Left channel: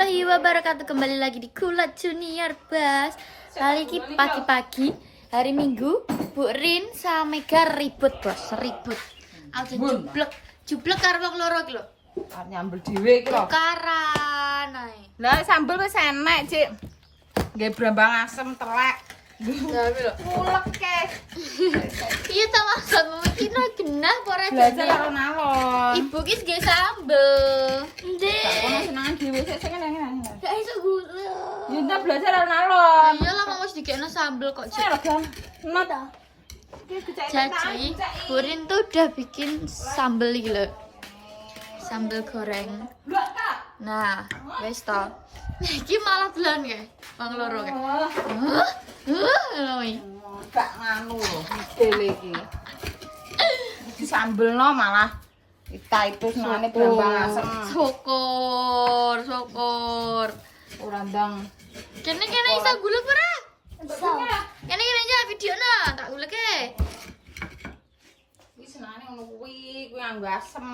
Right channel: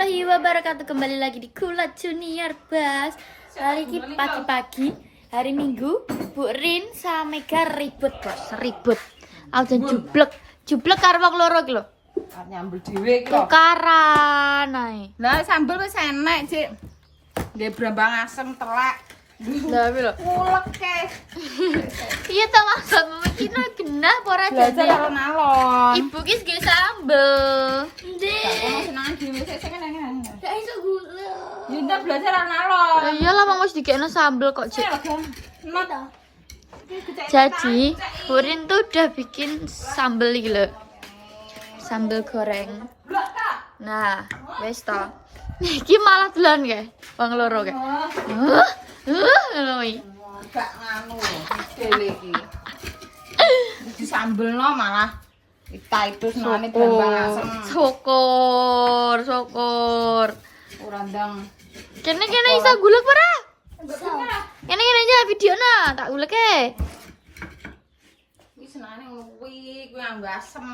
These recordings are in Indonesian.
warahmatullahi wabarakatuh. Kembali lagi di Kulat Junior Bas. Kali ini pagi-pagi hari Minggu, Bu Rin sama Mega ribut, Bas. Ribut. Aku jublek karo wong loro iki lho. Nyambel dhewe iki lho. Tukaran ae. Lah sambel wis enek, Cik. Nggih brambang asem telek. Lah iki lho. Ulek ke. Iya ta maksudmu iki genah apa ora jane? Belajar alon-alon. Ibu ki nggih sambel. Ndek. Kok ono senengan dhewe sik ngene. Gak iso gula. Ya ndak belajar alon-alon. Iyalah wong wis dikekno sambel kok, Cik. Nota. Jadi, Burin tuh udah bikin sambel iki lho. Sambel goreng. Nah, wes to. Iki malah dolan kae, wong loro kae. Gak nganu lho, dele iki. Disambelno malah itu senengane brambang asem. Syukur. Ora ndang. Kene iso gulek ora? Iso. Kene aja videona, tak gulek e. Wis senengane ngono kuwi anggo asem.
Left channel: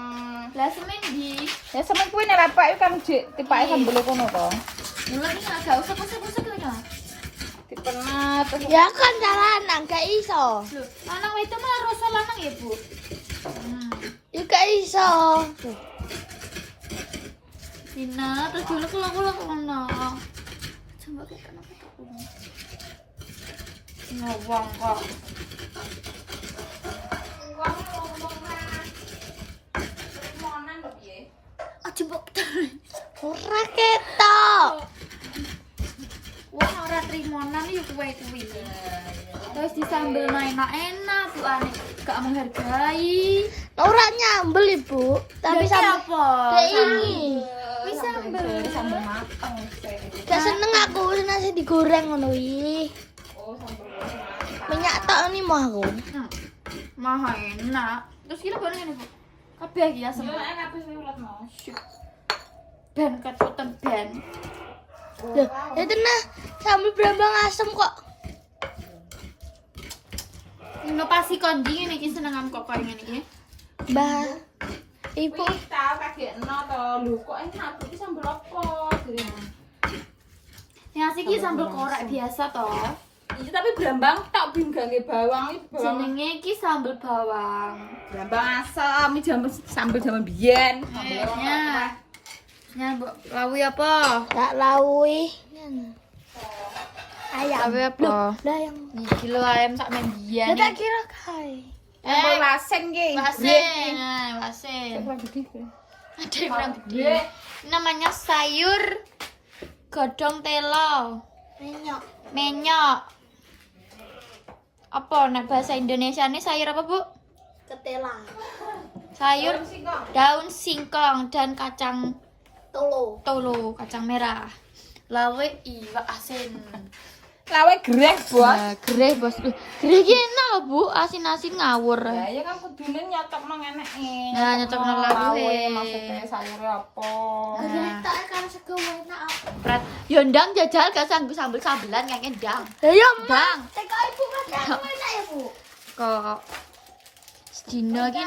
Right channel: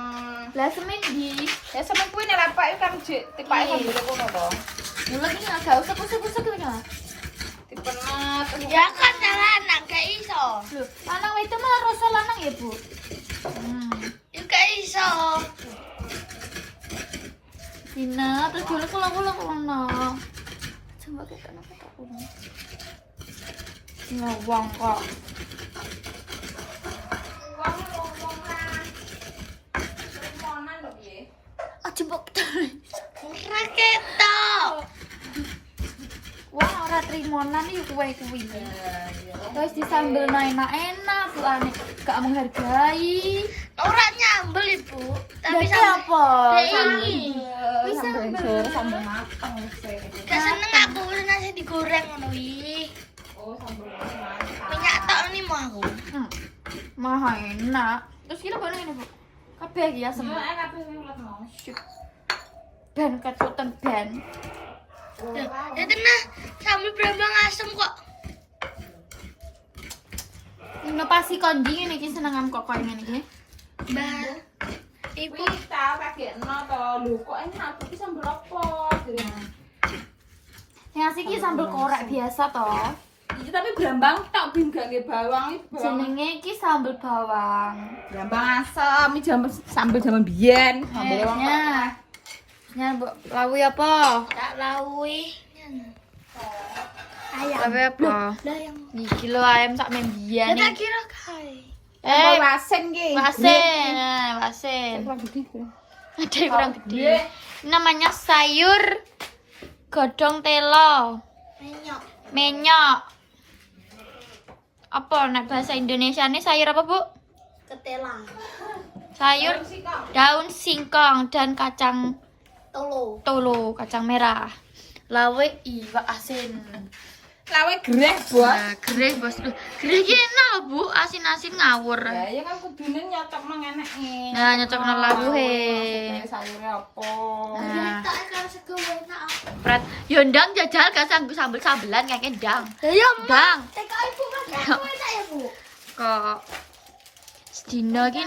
Lah semen di. Ya seneng kuwi nek bapak kan tipake sambel ngono to. Gulek iki gak usah kusuk-kusuk lho ya. Dipenet. Ya kan lanang gak iso. Lho, lanang itu mah rasa lanang ya, Bu. Ya gak iso. Dina, terus gulek kulak ngono. Coba kita ini. Ngawang kok. Jempok ora ketok. Wah, ora trimonan iki kuwi. Terus disambelno enak-enak, Bu Ane. Gak menghargai. Ora nyambel, Ibu. Tapi apa? Ini. Wis sambel mateng wis. Gak seneng aku nasi digoreng ngono iki. Oh, sambel mateng. Minyak tok ini mau aku. Maha enak. Terus kira kok ngene, Bu. Kabeh iki asem. Enak kabeh ulet mau. Ben kecutan ben. Ya tenah, sambil brambang asem kok. Inovasi konding ini senengan kok koyo ngene iki. Mbah. Ibu kita pakai to lho kok enak iki sambel apa? yang asik iki sambel korek biasa toh. Iya tapi brambang tok bim gawe bawang iki bawang. Jenenge iki sambel bawang. Brambang asem iki sambel jaman biyen. Nya Mbok lawi apa? Tak lawi. Ayam. Lawi apa? Lah yang Niki lho ayam sak mendian tak iki. kira kai. Lasen ki. Wasen. Ada yang kurang gede. Ini namanya sayur godong telo. Minyak Apa nek bahasa Indonesia ini sayur apa, Bu? ketelang. Sayur daun singkong dan kacang Tolo. kacang merah. Lawe iwak asin. Lawe greh, Bos. Nah, gereh, Bos. Gereh iki enak lho, Bu. Asin-asin ngawur. Lah ya kan kudune nyotokno ngeneke. Nah, nyotokno lawuhe. Maksudnya sayur apa? Nah, Tak kalau sego enak. pret. Yo ndang jajal gak sanggup sambel-sambelan ngeke ndang. Ya, Bang, TK ibu kan enak ya, Bu. kok sedina iki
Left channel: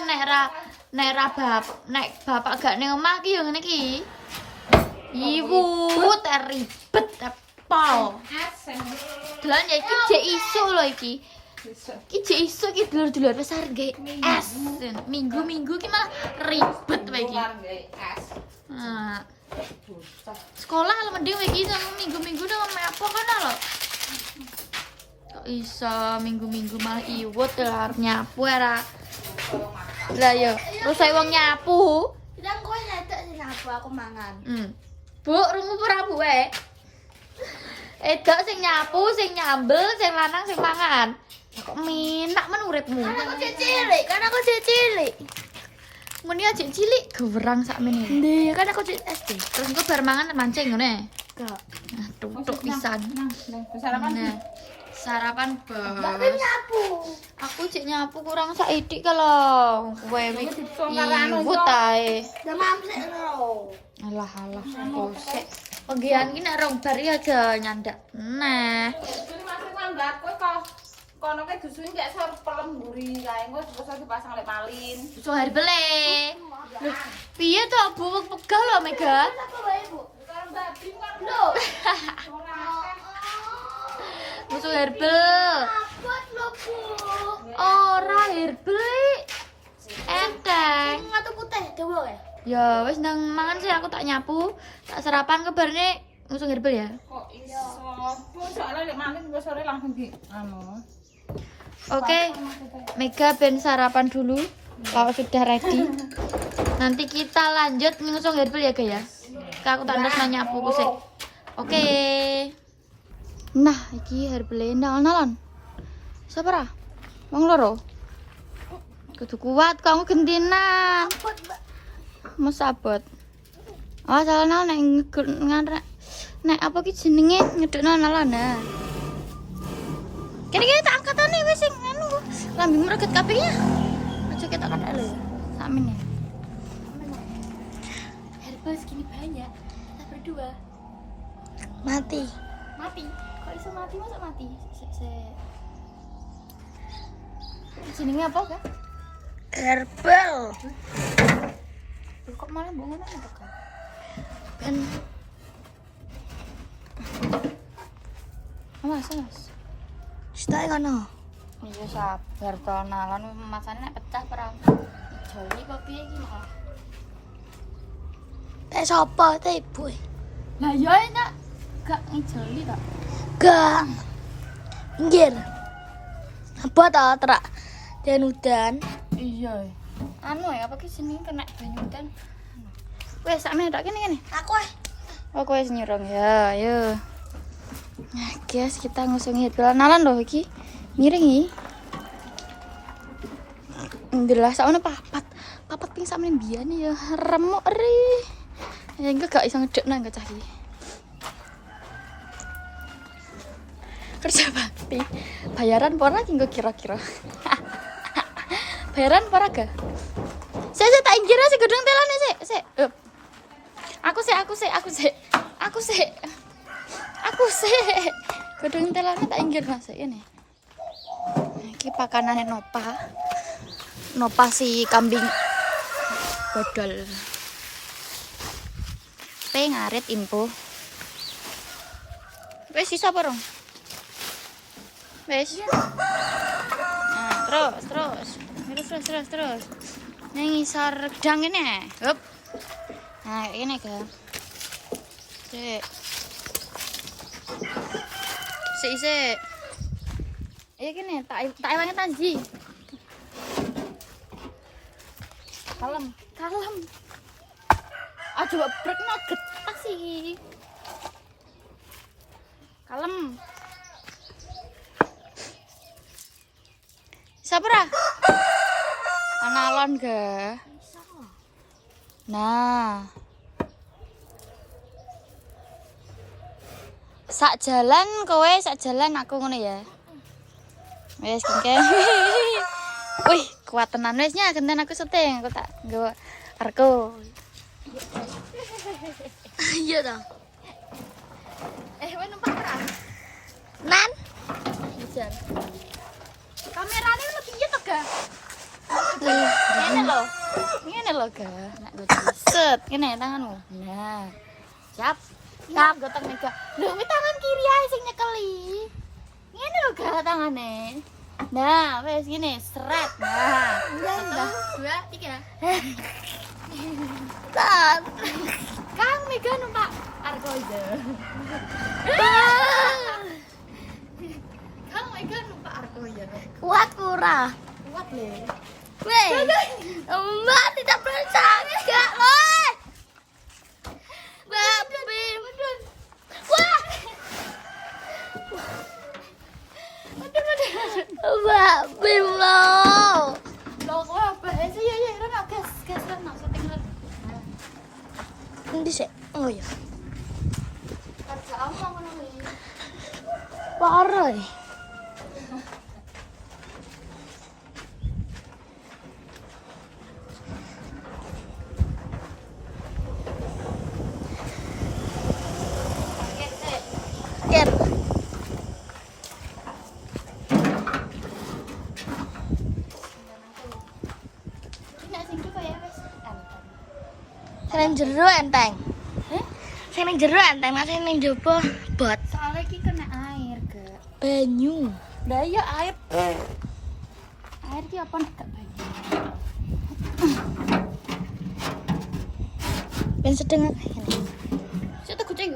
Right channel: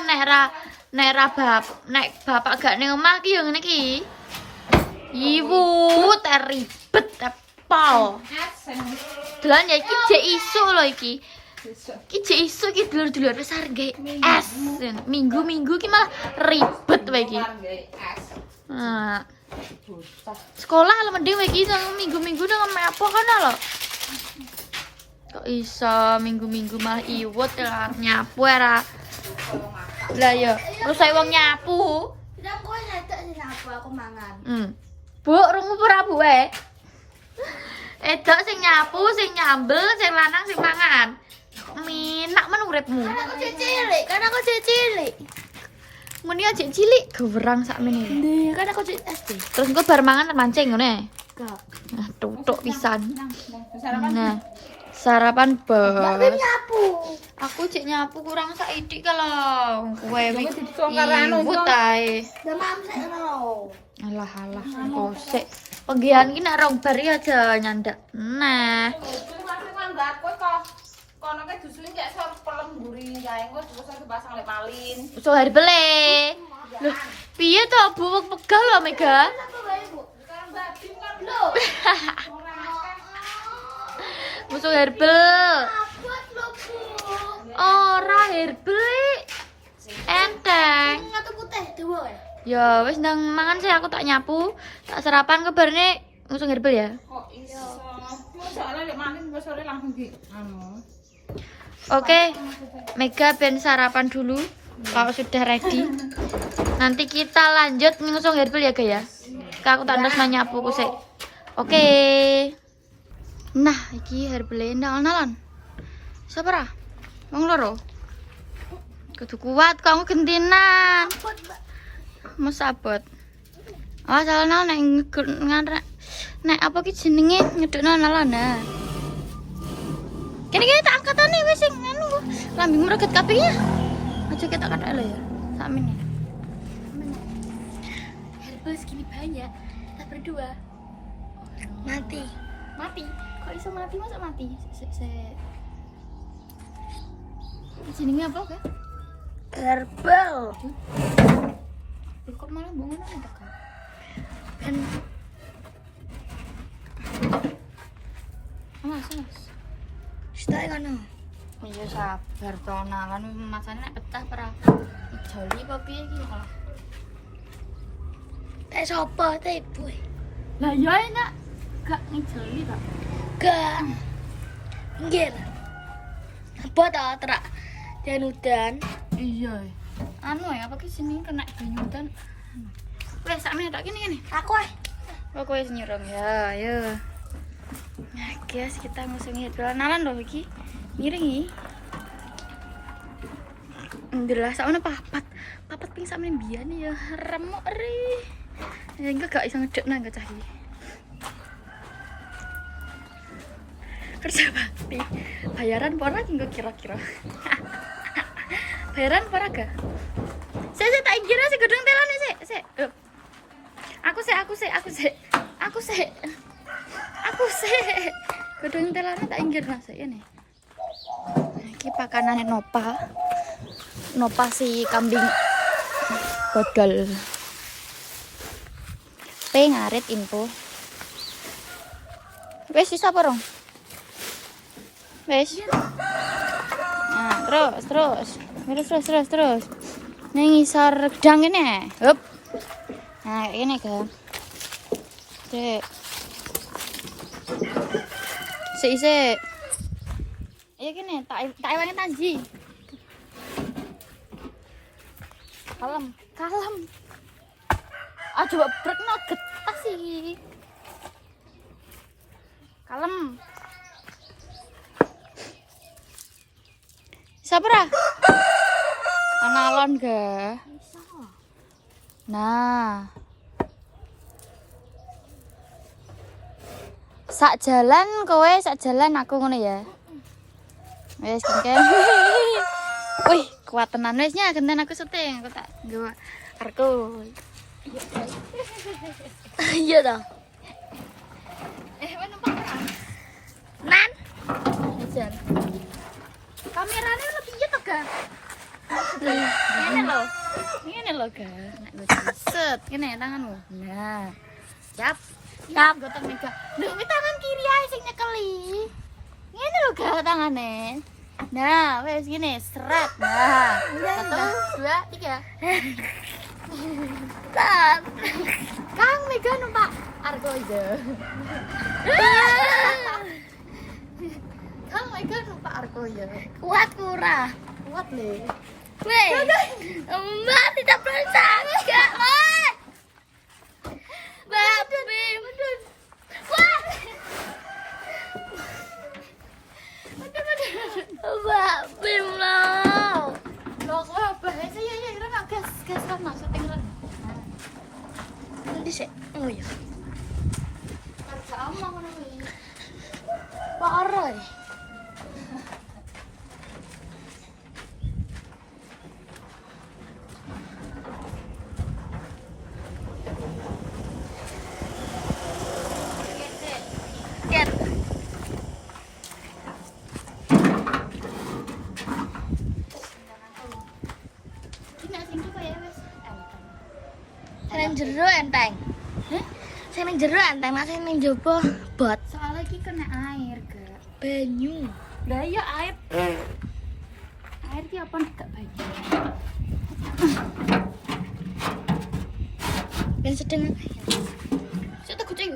nek bapak gak ning omah ki yo ngene iki. Ibu ribet apa? Dolan ya iki jek iso lho iki. Iki jek iso iki dulur-dulur besar gawe es. Minggu-minggu ki malah ribet wae iki. Nah, sekolah lah mending wae iki minggu-minggu nang apa kana lho. Kok iso minggu-minggu malah iwut lah nyapu ora. Lah yo, terus saya wong nyapu. Tidak kowe ngedak sing aku mangan. Bu, rungu ora Bu e? Edok sing nyapu, sing nyambel, sing lanang sing mangan. Kok minak men uripmu? Kan aku cilik. Muni aja cilik gewerang sakmene. Ndi, kan aku cilik SD. Terus engko bar mangan mancing ngene. Gak. Nah, tutuk pisan. Sarapan. Nah, sarapan Tapi bos. nyapu. Aku cek nyapu kurang saidik kalau kowe iki iwut ae. Demam sik ngono. Alah, kosek. Penggian ki nek rong bar aja nyandak. Nah, Kan gak kowe kok kono ke dusun gak sor pelem mburi kae engko terus dipasang lek malin. so hari bele. Loh, piye to Bu pegal lho Mega? Apa wae, Bu? Sekarang babi Loh. Musuh herbal. Abot lho, Bu. Ora herbal. Enteng. Ngatu putih dawa ya. Ya wis nang mangan sih aku tak nyapu. Tak sarapan kebarne musuh herbal ya. Kok iso? Soalnya lek malin gue sore langsung di anu. Oke. Mega ben sarapan dulu. Kalau sudah ready. Nanti kita lanjut ngusung herbal ya, guys ya. Aku tandas nyapu ku sik. Oke. Nah, iki herbal nal-nalan. Siapa ra? Wong loro. Kudu kuat kamu gentinan. Abot, Mbak. Mas abot. Oh, salah nek ngarek. Nek apa ki jenenge ngedukno nalan nah. Kene-kene tak angkatane wis sing anu. Lambimu reget kabeh ya. Aja kita kathek lho. Sakmene. Herbal segini banyak. Kita berdua mati. Mati. Kok iso mati masa mati? Jenenge apa, Kak? Herbal. Loh, kok malah bongono apa, Kak? Dan Mas. stay ngono. Iya sabar tonalan masane nek pecah ora. Joli apa piye iki lho. Teh sapa teh ibu? Lah ya enak. Gak ngijoli tak. Gang. Pinggir. Apa ta terak dan udan. Iya. Anu ya apa ki sini kena banyu udan. Wes sakne tak kene. Aku Oh, kowe wis nyurung ya. Ayo. Nah, guys, kita ngusungi nalan loh iki. Miring iki. Ndelah sakone papat. Papat ping sampeyan biyen ya remuk ri. Ya enggak gak iso ngedek nang cah iki. Kerja bakti. Bayaran pora ki kira-kira. Bayaran pora ga? Saya tak inggir sih gedung telane sik. Aku sih. Gedung telane tak inggir nasi ini. Iki pakanane Nopa. Nopa si kambing godol. Ngarit info. Wes sisa apa rong? Wes. Nah, terus. Ning ngisor gedang ini. Hup. Nah, ini kan. Sik. Iya gini, tak ewangi Tanji. Kalem. Ah coba brekno getah sih. Kalem. Sabra. Analon ga. Nah. Sak jalan aku ngono ya. Wes kengken. Wih, kuat tenan wis nya genten aku setting, aku tak nggawa arko. Iya dah. Wes numpak ora? Nan. Jan. Kamerane ono piye to, Ga? Ngene lho, Ga. Nek gue set, ngene tanganmu. Nah. Siap. Siap gotong Mega. Lho, iki tangan kiri ae sing nyekeli. Ngene lho, Ga tangane. Nah, wes gini, seret. Nah. 1, 2, 3. Tan. Kang Mega numpak argo ide. Kang Mega numpak argo ide. Kuat kurang. Kuat le. Weh. Mbak tidak bersang. Enggak, Mas. Mbak Bim. Wah. Mbak Bim lo. Lo kok apa sih? Ya, Rana, gas Rana. Ini sih. Oh ya. Harga kamu ngono iki. Parah nih. Ker. Ini sing kayak wes enteng. Keren jero enteng. Heh? Sing ning jero enteng, nek sing ning jaba bot. Soalnya iki kena air, Kak. Banyu. Lah iya air. Air ki apa ndak banyu. Ben sedeng apa? Saya kucing.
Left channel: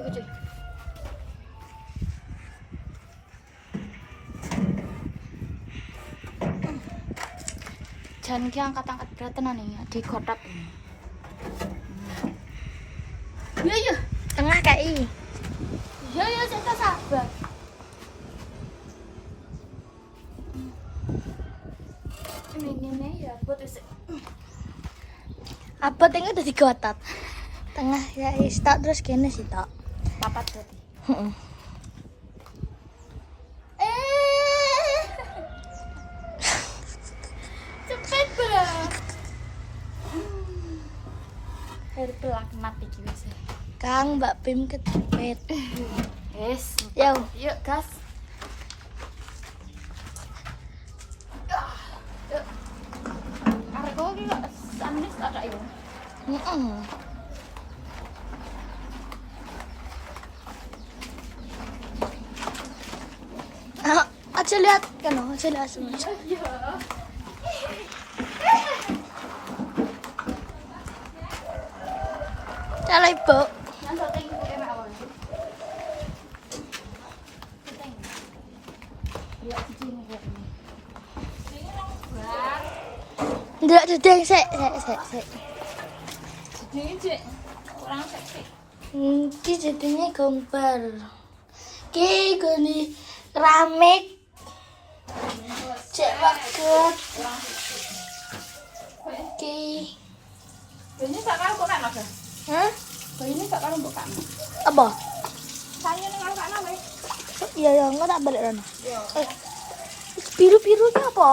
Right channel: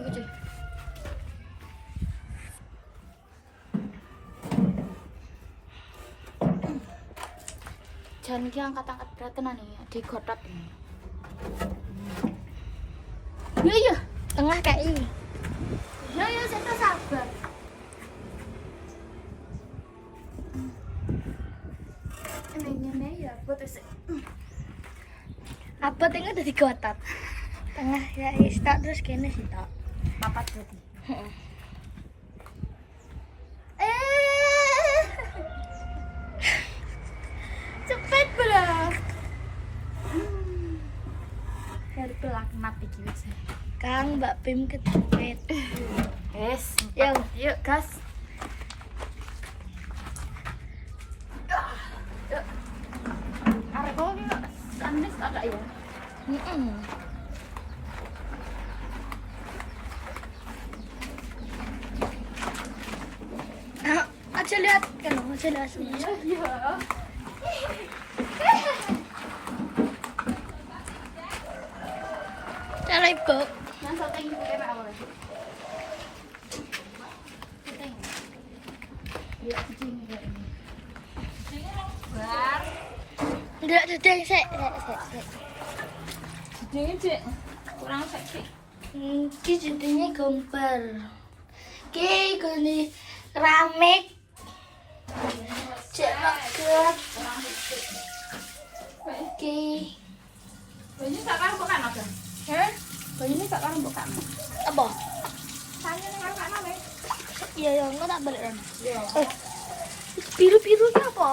Jangan ki angkat-angkat berat tenan ya, digotak. Iya. Tengah KI. Ya saya sabar. Ini ya buat Apa tengah udah digotat? Tengah ya tak terus kene sih tak. papat berarti. Cepet berat. Hair pelan mati iki wis. Kang Mbak Pim ketepet. Wes, Yo. yuk gas. Argo ki kok sanes ada ya. Heeh. Aja lihat kan, aja lihat semua. Kalau ibu, Nang sate iki kok kena awal. Keteng. Ya kucing iki. Bar. nggak dudeng sik. Jadi Cik. Kurang seksi. Ki jadinya gambar. Ki gini keramik. Cek banget. Ki. Ini sekarang bukan apa? Hah? Ini sekarang bukan. Apa? Saya ning karo kana wis. Iya ya, enggak tak balik kan. Biru-biru itu apa?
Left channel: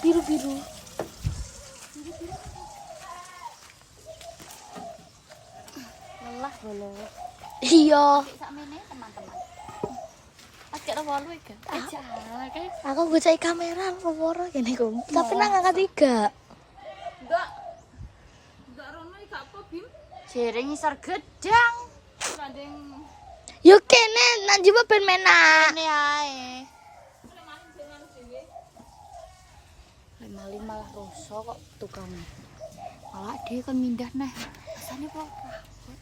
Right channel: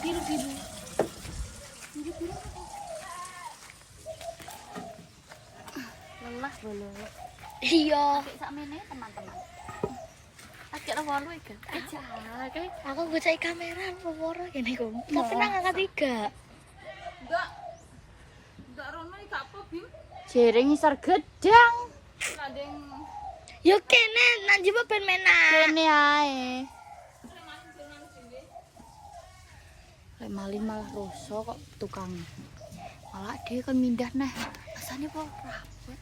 Biru-biru. Lelah bolo. Iya. Sakmene teman-teman. Ajak wolu iki. Ajak kae. Aku bocah kamera loro gini kok. Tapi nang angkat 3. Enggak. Enggak rono iki gak apa, Bim. Jering isor gedang. Landeng Yo kene nang jiwa ben menak. Ini ae. Kayak maling malah rusuh kok tukang. Malah dia kan mindah nah. Rasanya kok rapet.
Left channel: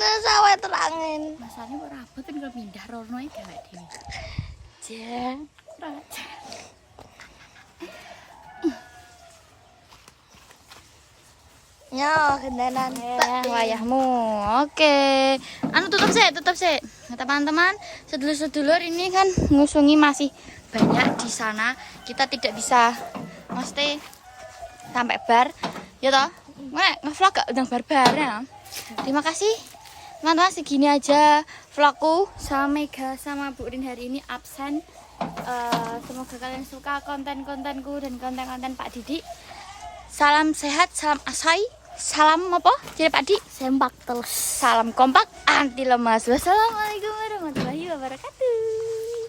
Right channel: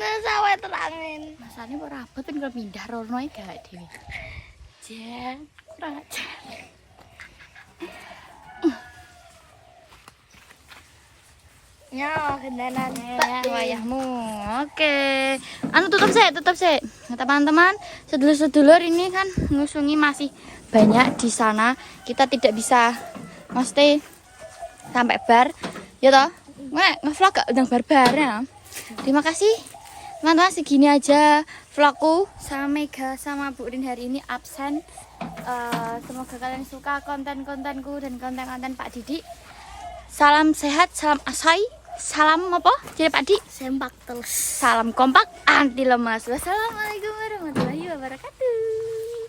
Nah, sawah terangin. Rasanya kok rapet kan kalau mindah rono iki gak dhewe. Jeng, kurang ajar. Nyo, kendanan Pak Dim. Ayahmu. Oke. Anu tutup sih. Nah, teman-teman, sedulur-sedulur ini kan ngusungi masih banyak di sana. Kita tidak bisa mesti sampai bar. Ya toh? Nge-vlog gak udang bar-bar ya. Terima kasih. Teman-teman, segini aja vlogku sama Mega sama Bu Rin hari ini absen. Semoga kalian suka konten-kontenku dan konten-konten Pak Didi. Salam sehat, salam asai. Salam apa? Jadi Pak Di? Sempak terus. Salam kompak, anti lemas. Wassalamualaikum warahmatullahi wabarakatuh.